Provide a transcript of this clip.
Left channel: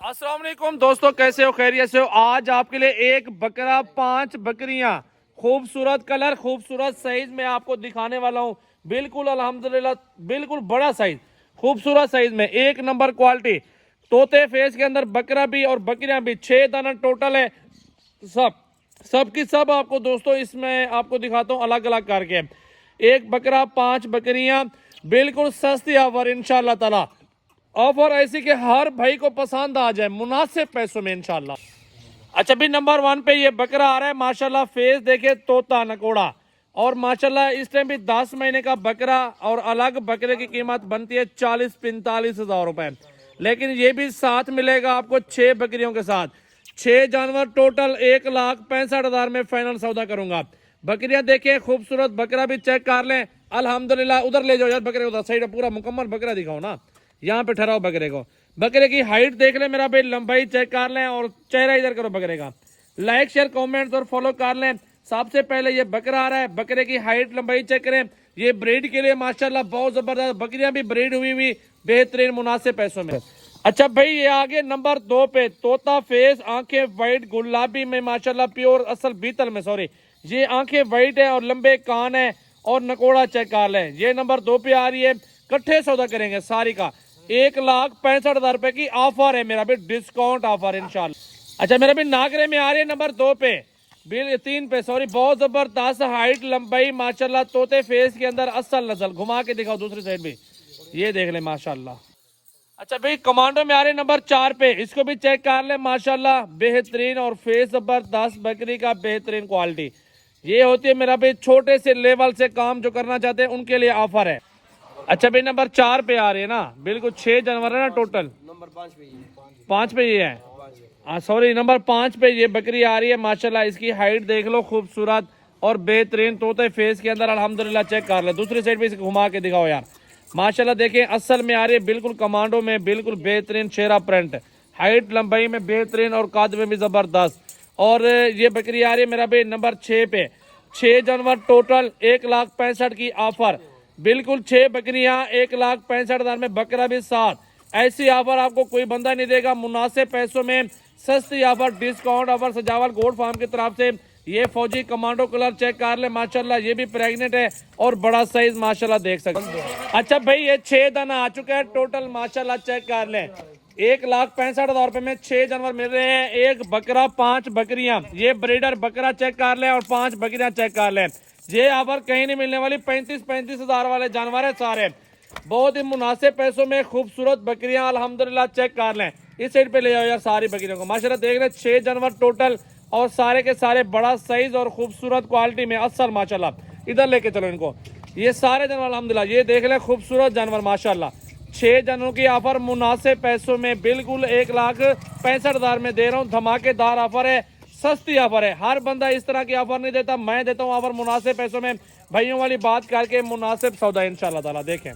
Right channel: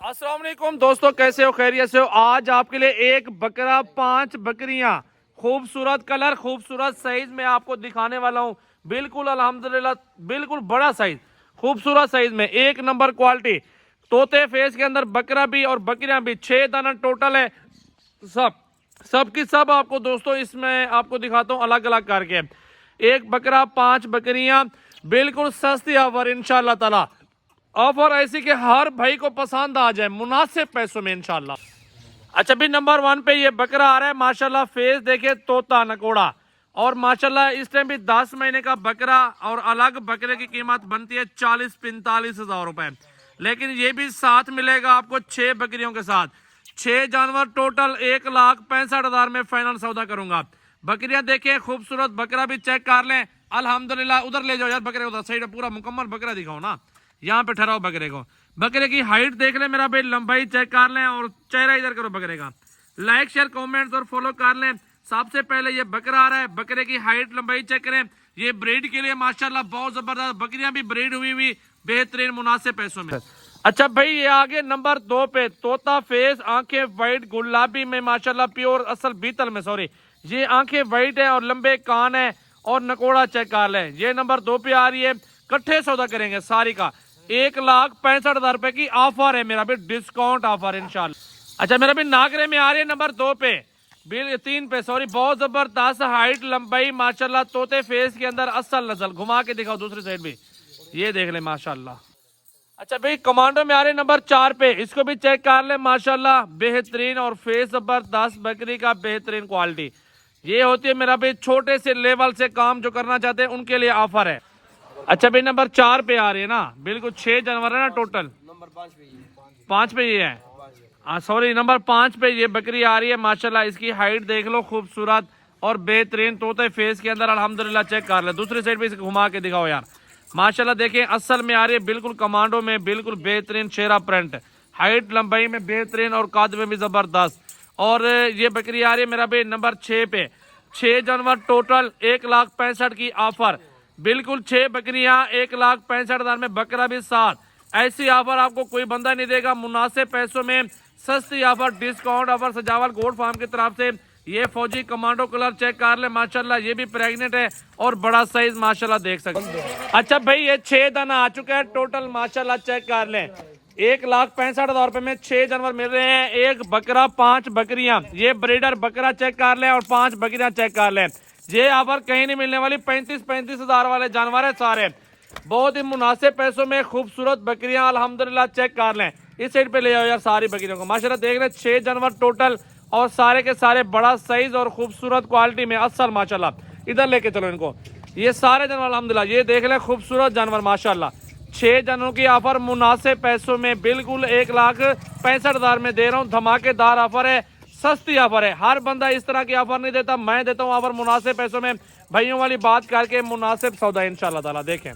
अस्सलाम वालेकुम दोस्तों, कैसे हो? खैरियत से हो? आज आपके लिए एक बकरा 5 बकरियां खूबसूरत कलर खूबसूरत साइज में आपको दिखाने वाला हूं। बिल्कुल अल्हम्दुलिल्लाह, बिल्कुल बड़ा साइज, खूबसूरत साइज में एक नंबर क्वालिटी। तोते फेस के अंदर बकरा भी और बकरियां भी, 6 दाना टोटल है। सब की सब आपको दोस्तों इसमें आपको दिखाता हूँ अलग अलग करके। एक बकरा 5 बकरियां, बिल्कुल सस्ती ऑफर इंशाल्लाह ताला। ऑफर ऐसी कि हर भाई को पसंद आ जाए मुनासिब पैसों में इंशाल्लाह। अच्छा भी नंबर 1 पे ये बकरा आ रहा है माशाल्लाह। फेस देखे तोता नकोड़ा, और माशाल्लाह इस टाइम भी 10 महीने का बकरा। और अलग बकरे की कीमत बनती है 40-45 हजार रुपए, लेकिन ये भी साथ मिलेगा आपको 6 बकरियों के साथ। 6 जानवर टोटल 1,65,000 में फाइनल सौदा करूंगा। बकरियां देखें खूबसूरत, बकरा भी चेक कर लें अल्हम्दुलिल्लाह। उधर ले जाओ यार बकरे, उधर साइड पूरा मुकम्मल बकरा दिखाओ ना, यहाँ पे ठहराओ बकरे को। बकरे की हाइट देख ले मेरा भाई, लंबाई चेक कर लें और चेहरा इधर करो बकरे का। लाइक शेयर कमेंट्स और फॉलो कर लें। सबसे पहले ये बकरा आ रहा है, बकरे की हाइट लंबाई चेक करें। ये ब्रीड के लिए माशाल्लाह बहुत जबरदस्त बकरियां भी ब्रीड हुई हुई बेहतरीन मुनासिब पैसों में। अच्छा भाई ये आगे नंबर 2 पे तोता फेस, आंखें वाइट गुलाबी में माशाल्लाह, प्योर असल बीतल में, सॉरी। ये आंखें वाइट है और लंबे कान है और नकोड़ा चेक कर लें। ये नंबर 2 पे आ रही है। कट्ठे सौदा करेंगे सारी का, 1,65,000 रुपए की ऑफर है मेरा भी, डिस्काउंट ऑफर इंशाल्लाह। अच्छा मेरा भी नागरे में आ रही है नंबर 2 पे, बिल 3 पे, सॉरी। बहुत जबरदस्त हाइट लंबाई माशाल्लाह, तोते फेस के अंदर असल नस्ल। घुमा के दिखाओ दूसरी साइड भी, ये देख ले माशाल्लाह। अच्छा भाई कमांडो में आ रहे नंबर 4 पे, इसको भी चेक कर ले माशाल्लाह, बेहतरीन और फेस जबरदस्त बकरी का बेहतरीन क्वालिटी। ये होती है मेरा भाई छोटे से लेवल से काम जो करना चाहते हैं उनके लिए ऑफर है। अच्छा भाई नंबर 4 पे आ रहे हैं ना, बिल्कुल 6 जानवर है ना टोटल। नंबर 5 पे ये 5 पे ये है, हाँ सॉरी, नंबर 5 पे ये बकरी आ रही है माशाल्लाह। इसकी हाइट देख लो, खूबसूरत और बेहतरीन तोते फेस के अंदर अल्हम्दुलिल्लाह। चेक कर ले दूसरी साइड भी घुमा के दिखाओ यार माशाल्लाह। देखें असल में आ रही है, बिल्कुल कमांडो में, बिल्कुल बेहतरीन शेरा प्रिंट, हाइट लंबाई में बेहतरीन और कद में भी जबरदस्त। और ये बकरी आ रही है मेरा भाई नंबर 6 पे। 6 जानवर टोटल 1,65,000 की ऑफर, बिल्कुल 6 बकरियां 1,65,000 में, बकरा भी साथ। ऐसी ऑफर आपको कोई बंदा नहीं देगा मुनासिब पैसों में, सस्ती ऑफर, डिस्काउंट ऑफर सजावल गोल्ड फार्म की तरफ से। ये फौजी कमांडो कलर चेक कर ले माशाल्लाह, ये भी प्रेग्नेंट है और बड़ा साइज माशाल्लाह देख सकते हैं। अच्छा भाई ये 6 दाना आ चुका है टोटल माशाल्लाह, चेक कर लें। 1,65,000 रुपए में 6 जानवर मिल रहे हैं, एक बकरा 5 बकरियां। ये ब्रीडर बकरा चेक कर लें और 5 बकरियां चेक कर लें। ये ऑफर कहीं नहीं मिलने वाली, 35-35 हजार वाले जानवर है सारे, बहुत ही मुनासिब पैसों में खूबसूरत बकरियां अल्हम्दुलिल्लाह। चेक कर लें, इस साइड पे ले जाओ यार सारी बकरियों को माशाल्लाह। देख रहे 6 जानवर टोटल और सारे के सारे बड़ा साइज और खूबसूरत क्वालिटी में असल माशाल्लाह। इधर लेके चलो इनको, ये सारे जानवर अल्हम्दुलिल्लाह। ये देख ले खूबसूरत जानवर माशाल्लाह, 6 जानवरों की ऑफर मुनासिब पैसों में, बिल्कुल 1,65,000 में दे रहा हूँ। धमाकेदार ऑफर है, सस्ती ऑफर है। हर बंदा इस तरह की ऑफर नहीं देता, मैं देता हूँ ऑफर मुनासिब पैसों में। भाइयों वाली बात करके मुनासिब सौदा इंशाल्लाह ताला। देखें